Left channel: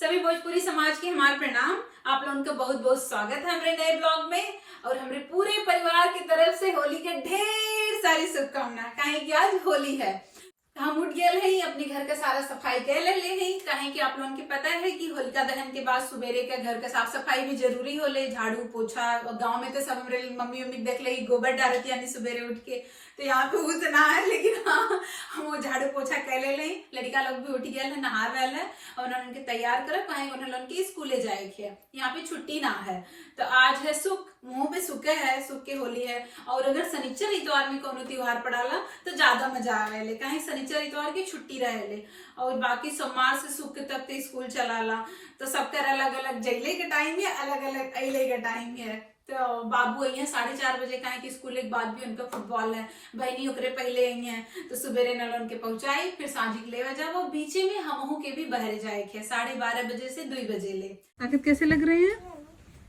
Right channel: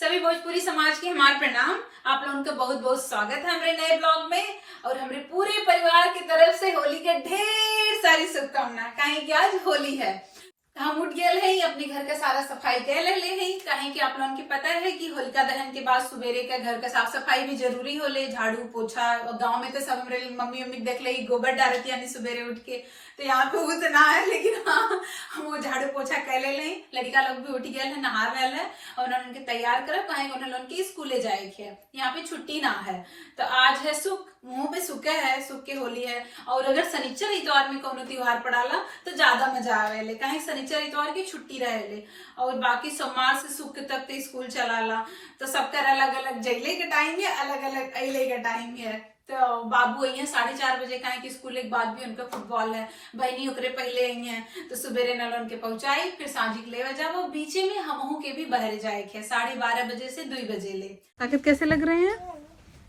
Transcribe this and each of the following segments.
सभी भोजपुरी समाज के हमारे प्रणाम। आप लोगों का बहुत बहुत स्वागत है हमारे नए ब्लॉग में और हमारे पूरे परिवार की तरफ से होली के ढेर सारी शुभकामनाएं। काहे कि आज होली है, हम उठ गए हैं अपने घर का सारा सफाई कर ले हैं। काहे कि आप लोगों के पता है कि होलिका दहन के बाद सुबेरे का घर का साफ सफाई भी जरूरी होले, झाड़ू पोछा। और गाँव में तो सब हमारे मम्मी मम्मी देख ले गोबर डालती यानी सुबेरे उठ के, तो यहाँ पे उतना है लेकिन हाँ हम वो झाड़ू पोछा कर ले लें। लड़का लोग भी उठ गए है, नहा रहा है और उनके तैयार कर पाए उन्हें लोग के स्कूले जाए थे। यहाँ पे छुट्टी ना है तो आज है सुख, मुंह पे सुखे है, सुख के होली है। और अगर शनिचर इतवार में कोनो त्योहार पड़ाला तो ज्यादा मजा आवे, कहीं शनिचर इतवार की छुट्टी रहे और बाकी सोमवार से सुख तक तो स्कूल चलाला। तो सबका अलग अलग जगले का टाइम है, अलग अलग अगले का टाइम है। तो बाबू आई है 4:30 बजे, कहे कि स्कूल के बाद भी उनका फुटबॉल है, बहनी ओकरे पहले आई है तो सुबेरे नल उनके पहुंचाई, फिर साझी के लेवा जाओ। बीचे में हम के भी बहरे जाए थे 12:30 बजे से 2 बजे ले। ताकत कैसे लग रहे हैं?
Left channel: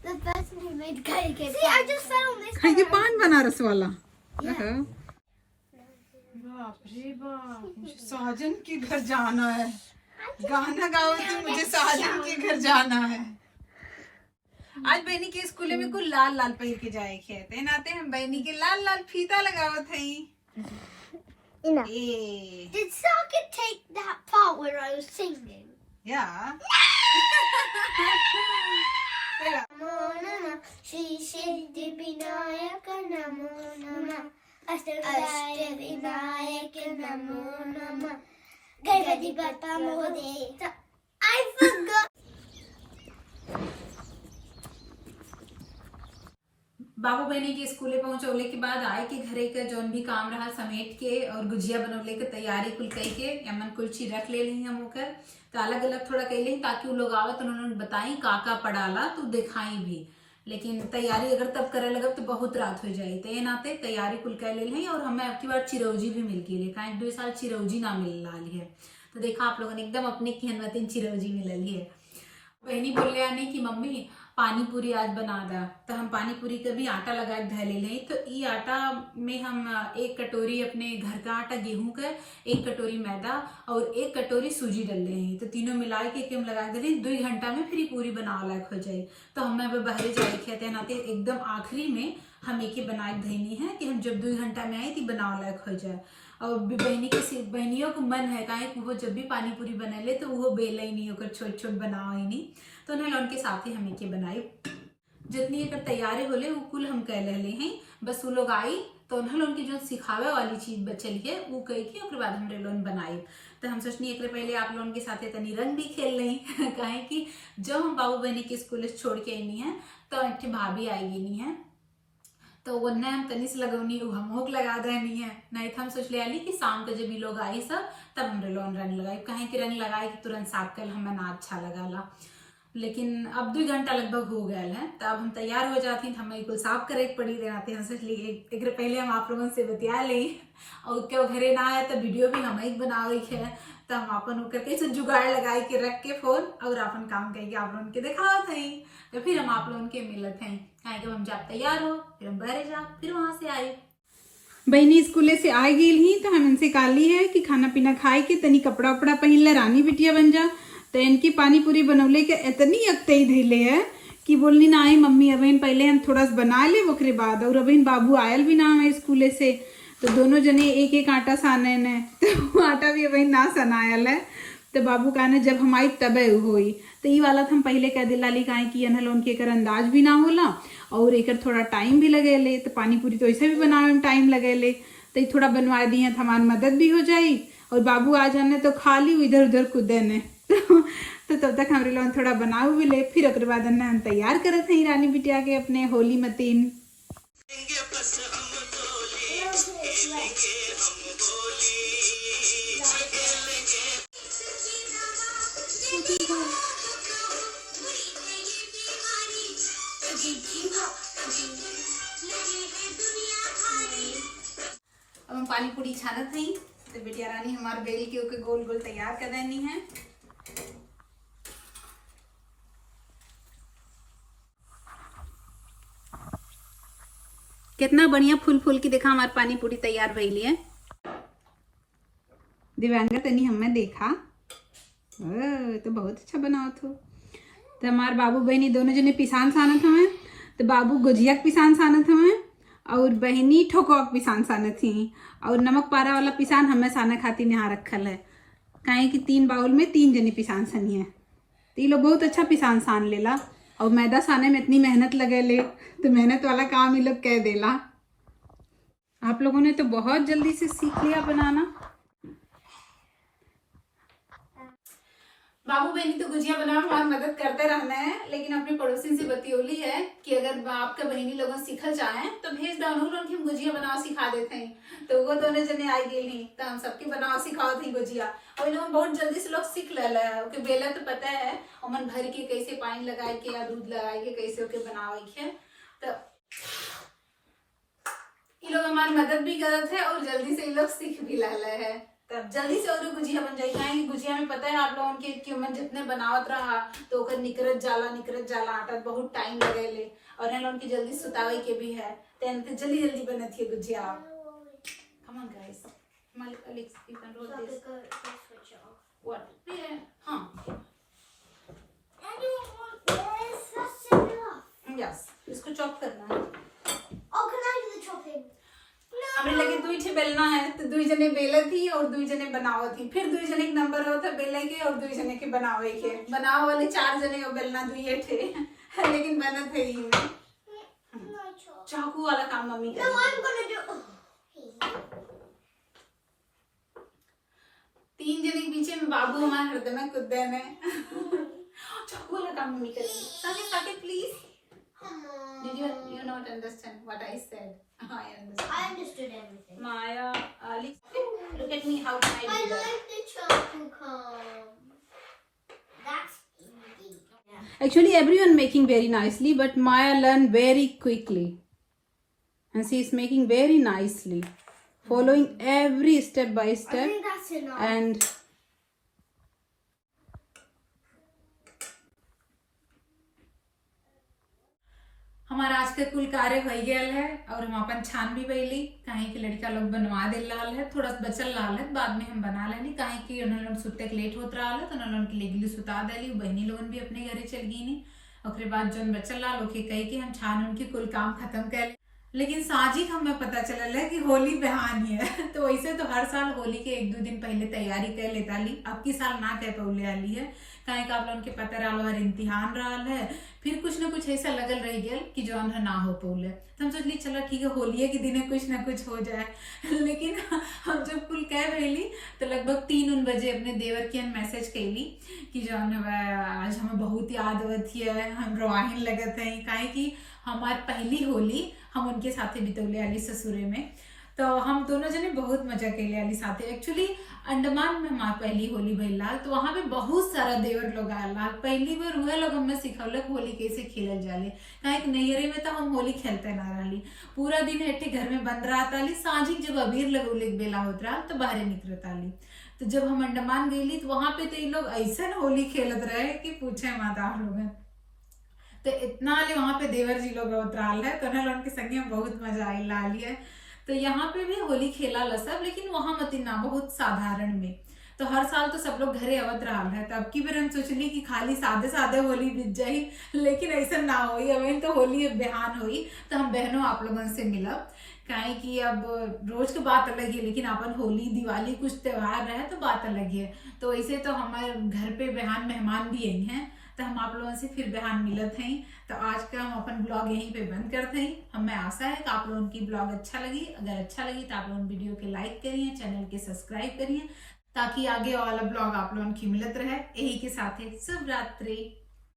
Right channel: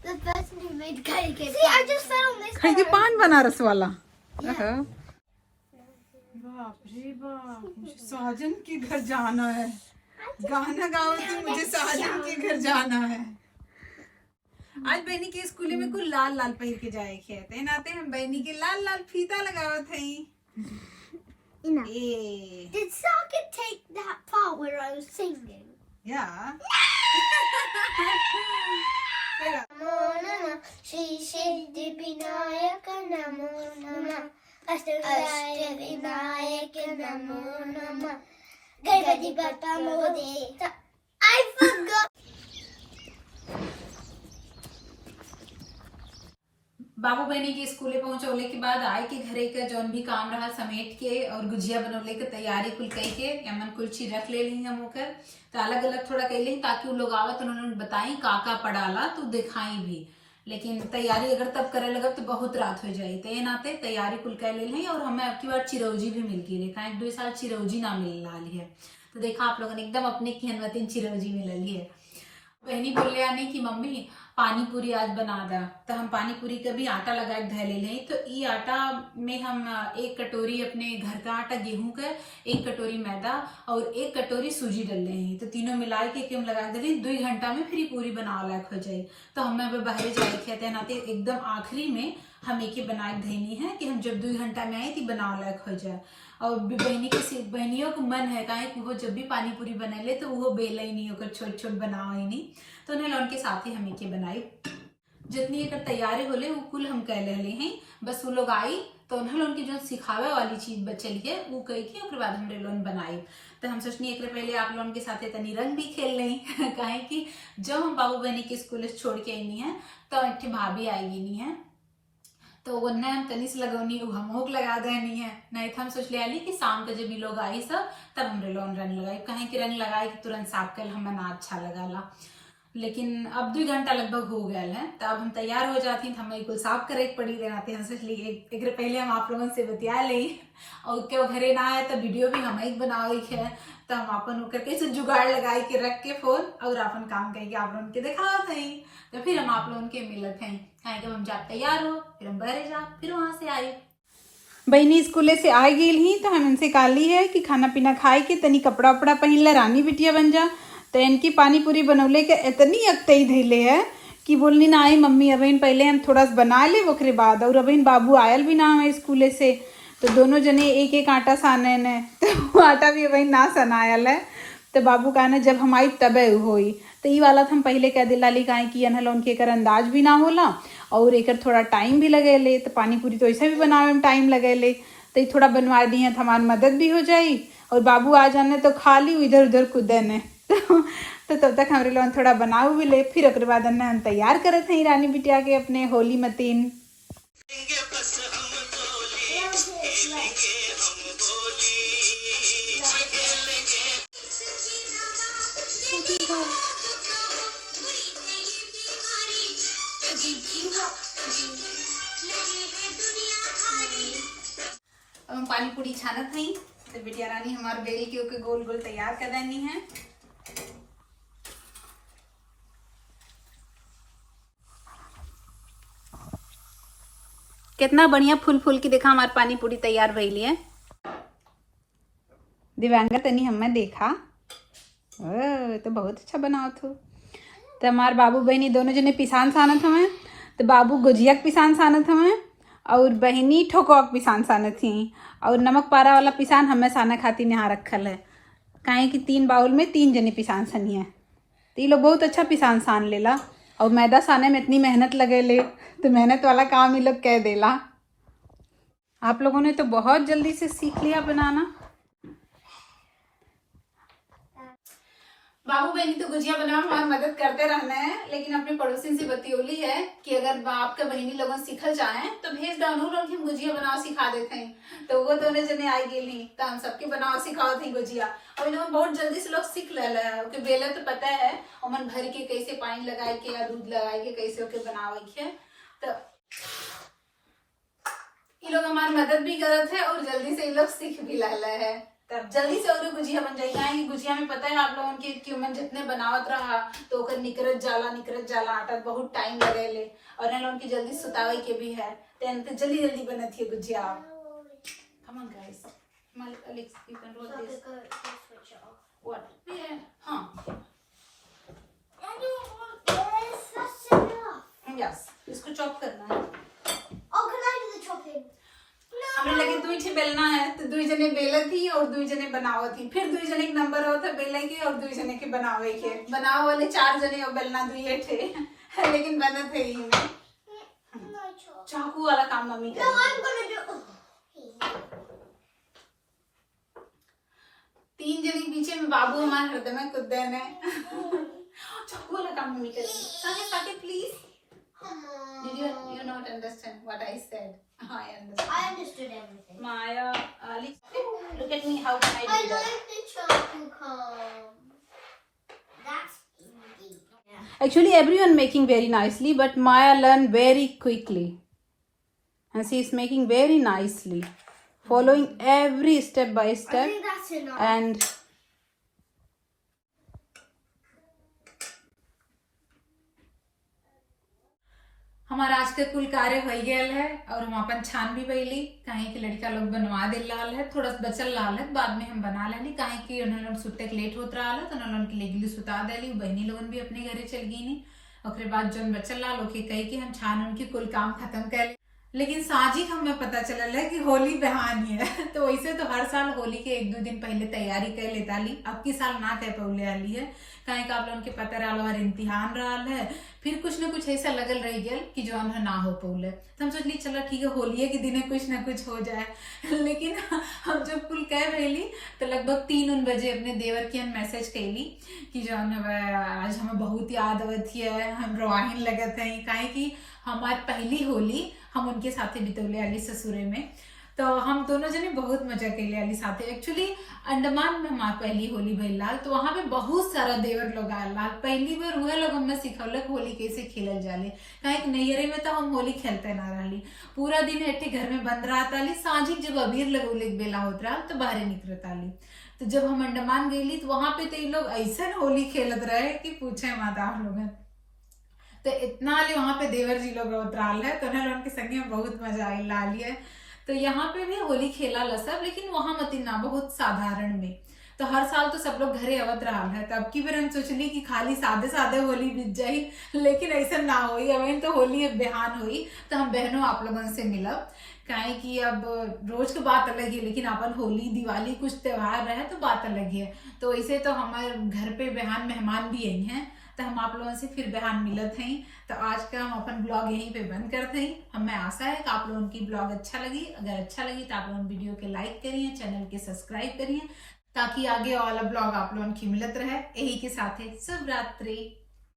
The person who made cake. See, I just fell on this. खाई के पान बनारस वाला। बाप रे बाप, मुझे साजन के घर जाना है। गाना गाओ कि मुझे साजन के घर जाना है। आज बहनी के स्कूल में कुछ लाल लाल पहन के जाए थे नाते हम बहनी के लाल लाल फीता लगाओ थे। Did Socket take that part where I was singing? Yeah. Namo Nama Shri Siddhi Vinayaka Namo Nama Ashtavinayaka Namo Nama Ganpati Bappa Mode. I forgot. बाबू बहनी के स्कूले पहुंचौले के बाद आए के घरे का जौन भी काम रहा समेट के और गुजिया बनौले के तैयारी कुल कई के यमन कुल चीज रख ले ली हम होकर। तो अलग अलग थोड़ा कह ली ताकि वो लोग आवत उन्होंने बताई का पड़ाला तो दिखाई भी। लेकिन तैयारी अगर तब करे लगा तो बहुत रात हो जाये, तो ये नाते तैयारी कुल कर ले। और हमें अब की बार चिरौजी भी मिल गई, लेकिन 1-2 साल चिरौजी ना मिल रही है। तो देखा आप लोगों ने एकदम अपने की हनवतीन चिरौजी मिल है। बहनी बोल रहे आने की मम्मी पानी पूरी आज बना दा, तो हम पानी पूरी का भी आटा लगा धै ले लें। तो ये आटा में हम 1 कटोरी अपने घर का आटा गेहूं का, 1 कटोरी मैदा और 1 कटोरी सूजी डाल रहे हैं। तो तीनों मिला के हम लगा दे रहे 2 घंटा में फिर पूरी बनाने लायक हो जाए। तो हमें अब बाहर जाए खेते नाते एकदम आखिरी में हम एक ही बनाए देनी है कि हम जब 2 घंटा में आए तो बनाने लायक हो जाए। और बहनियों को मन है काहे कि वो जब भी पानी पूरी बना ले तो वो बेला ही नहीं होकर छोट छोट बनाओ ही नहीं। तो उन्हें उनके साथ ही हमें के बनाई जितनी अगर तैयारी होले वो कुल हम कह ले हैं। बस वो लोग आई तो उन्हें उनकी जो सिखावे वाली चीज बचल है वो कह के उसके बाद हमरे लोन बनाई। तो हम सोचनी एक पहले आप लोगों के साथ तनी रंग भी खेल लें काहे कि जब हम बाबू बहनी के स्कूल छोड़ के आई है तो एक भाभी आएगी नहीं है, तो वो न हम तनी से लगौनी हम होक लगा देनी है। नहीं तो हम सोच लिया कि शाम के जब भी लोग आई सब तब हमरे लोन रंग लगाई, कहीं कि रंग लगाए कि तुरंत साफ कर हमें ना अच्छा लगा। लेकिन अब 2 घंटा लगभग हो गया है तो अब हम तैयार हो जाती तो हमें कुल साफ करे पड़ी रहते। हम सोच लिए एक पहले हम आप लोगों से बतिया लें और क्यों घरे ना आए तो वीडियो भी हम ही बनावे है। तो हम अपन करके से जुगाड़ लगाए के रख के फोन और अपन काम करके आप लोगों के दिखाओ थे। तो फिर हम आप लोगों के मिलत हैं कहे जब हम जब तैयार हो फिर हम बहरे जा फिर वहां से आए। बहनी स्कूले से आ गई ही तो हम इनसे काली है कि खाना पीना खाए के तनी कपड़ा उपड़ा पहन ले रानी बिटिया बन जा। तो इनकी पानी पूरी बनौले के इतनी अक्तई धैले है कि बोलनी ना आई मम्मी अबहिन पहले हम थोड़ा सा बना ले ओकरे बाद। और अबहिन बाबू आयल भी ना है स्कूले से तो दोनों जने एक एक आटा साने ने तो वो आटा भी अबहिन ना सनायल है। तो बाबू कहना जब हम आई तबे होई। तो ये वाला हम पहले कह दिला ली काहे कि अनहल उनके कर अंदाज भी ना होला और एक थोड़ा टाइम भी लगे ले। तो पानी पूरी तो ऐसा भी बनावे में टाइम लगे ले तो थोड़ा बनवा दी है तो हमारी मदद भी हो जाई। और बाबू आ जाने तो खाली इधर उधर कूदे ने तो तब तक हमारे लोग थोड़ा बनाऊ भी ले फिर ओकर बाद हम तैयार करत हैं रानी बिटिया के अपने होली मतीन। अब हम पानी पूरी छानत हैं तो बिटिया रानी हमारे बेल के ओके गोल गोल तैयार कर देनी है। कितना बढ़िया फूल फूल की देखा हमारी पानी पूरी तैयार भइली है। दिव्यांगा तनी हमें देखा तो बहुत अच्छा बनाओ थो। तो हमारे बाबू बहनी दोनों जने पिसान सानत हमें। तो बाबू गुजिया के पिसान सानत हमें और बहनी ठोकवा के पिसान सानत थी। और नमक पारा वाला पिसान हमें साना खाती यहाँ रखल है, काहे कि 3 बाउल में 3 जने पिसान सनी है। तो ये लोग बहुत अच्छा पिसान सान लेला। और मैदा साने में इतनी मेहनत लगे ले, तो मेहनत वाला काम ये लोग कह देला। आप लोगों ने तो बहुत जल्दी से सीख लिया बनाना। बाबू बहनी तो गुजिया बनाने में मदद करते रहना है, लेकिन अपने पड़ोसी से बतियोली है कि अगर आपके बहनी लोगों सीखल चाहें तो भेज डाउन कि हम गुजिया बनाओ सिखा देते हैं। तो वो दोनों जने आई गेली तो हम सबके बनाओ सिखाओ थी गुजिया। और इन लोग बहुत जल्दी से लोग सीख ले है। ओके बेला तो पता है अमन भर के कैसे पानी लगाए के या दूध लगाए के कैसे ओके बनावे के। तो ये लोग हमारी मदद भी करते हैं और जल्दी से ये लोग सीख भी ले है। तब जल्दी से और गुजिया बन जाएगी। गुजिया में पता है आप लोगों की कि मैं जितने बनावत रहा तो ओकर निकरत जाला आटा बहुत टाइम लगे ले। और इन लोगों की जल्दी सुतावे के भी है तो जल्दी बनती है gujiya. Come on guys, Alex, you can roll this. What? Yeah. हाँ. Yes. इसको चॉप करना है। Oh, can I do the chopping? हमें लगे 2 छे बेलना है तो 2 जने बेला थी और 2 जने बनाओ थी। फिर 2 जने एक नंबर हो था बेले के और 2 जने के बनावे के। बनाओ वाले 4 जने और बेलना 2 थे लेकिन बना थे ही में। चाकू वाला काम mummy No, I'm gonna do. 3 जने के पीछे में बाबू हमारे हृदय में कूदे ने। चाकू वाला काम मम्मी करेगी। Saki, please. Did you not understand what I said? I understand. I understood everything. Maya, Ali, look at me. How can I I do that? like the chopping come. That's easy. Yeah. Actually, everyone making very nicely, but Maya learned very quickly, and she is making very nicely, following every step by I step. think that's enough. And हमारा आज के कुल कार्य हो गया है और हम अपन छान भी बैली काहे कि लड़का लोग बनवा दे लाल है। थोड़ा बचल लाल है बाद में हम बना लेनी काहे कि उन्हें लोग सुते के लेट होत रहा है तो उन्हें लोग लेगली सुता देली। बहनी लोगन भी अपने घरे चल गई नहीं। और बाद जन बचल लाल ओके कही कि हम छान उनकी कुल काम खत्म कर ले। लेकिन साजिक हमें पता चलल है कि होली बहानी है तो वैसे तो हर साल होली के 1-2 दिन पहले तैयारी कर लेता ली। अब की साल ना कह पौले आली है काहे का आप लोगों के पता रहा हर इम्तिहान रहा है। फिर कुछ ना कुछ ऐसा लगल रह गया कि जो ना हो पौले तो हम सोचली चलो ठीक है होली के दिन कुछ ना कुछ हो जाए। लेकिन हम जब कुल कह रही तो लगभग 3 बजे अपने देवर की हम मैसेज कैली कि जो आज हमें बहुत याद आवती है। हम रोवाहिन लगत है काहे कि हमारी पहली होली हम उनके साथे बितौले आली ससुरे में। तो हम दोनों जने बहुत मजा कैले आली साथे। एक्चुअली अंडमान में हमारी पहली होली भइल लाल तो वहां पे बहुत सारा देवर लोग आयल लाल। पहली बार वह लोग हमें सिखौलक होली कैसे खेलल जाले काहे कि नैहरे में तो हम होली खेलते ना रही। पूरा दिन एटे घर में बंद रहा ताली। साँझिक जब अबीर लगौले के बेला होत रहा तो बाहर निकलत आली। तो जब हम अंडमान गईली तो वहां पे तो ये लोग ऐसा होली खेलत रहे कि पूछे मत आप लोग। तो इतना ले वहां पे देवर जी लोग उतराल है तो उनके संगे में बहुत मजा आई लाली है। तो यहाँ पे भी होली खेला ला सब लेकिन वहां मत ना बहुत साधारण में। तो हर साल तो सब लोग घरे अवत रहा है तो अब की बार हम सोचली कि खाली सादे सादे होली बीत जाई लेकिन ऐसा ना होई। अब तो होली बेहान हुई तो हम बहनों आप लोगों से मिलब काहे कि अब रोज की बात अलग है लेकिन अपन होली दिवाली कुछ त्योहार रहे तो बात अलग है। तो ऐसे तो हमारे घर पे बेहान मेहमान भी आई हैं तो हम आप लोगों से फिर बेहान मिलत हैं। तो आज का हम अपन ब्लॉग यहीं पे बंद करते हैं। हमें आशा है कि आप लोगों की ब्लॉग अच्छा लगी। अगर अच्छा लगी तो आप लोगों वीडियो के लाइक करिए, चैनल के सब्सक्राइब करिए ताकि आगे वाला ब्लॉग आप लोगों की मिलत रहे। यही के साथ शुभ रात्रि।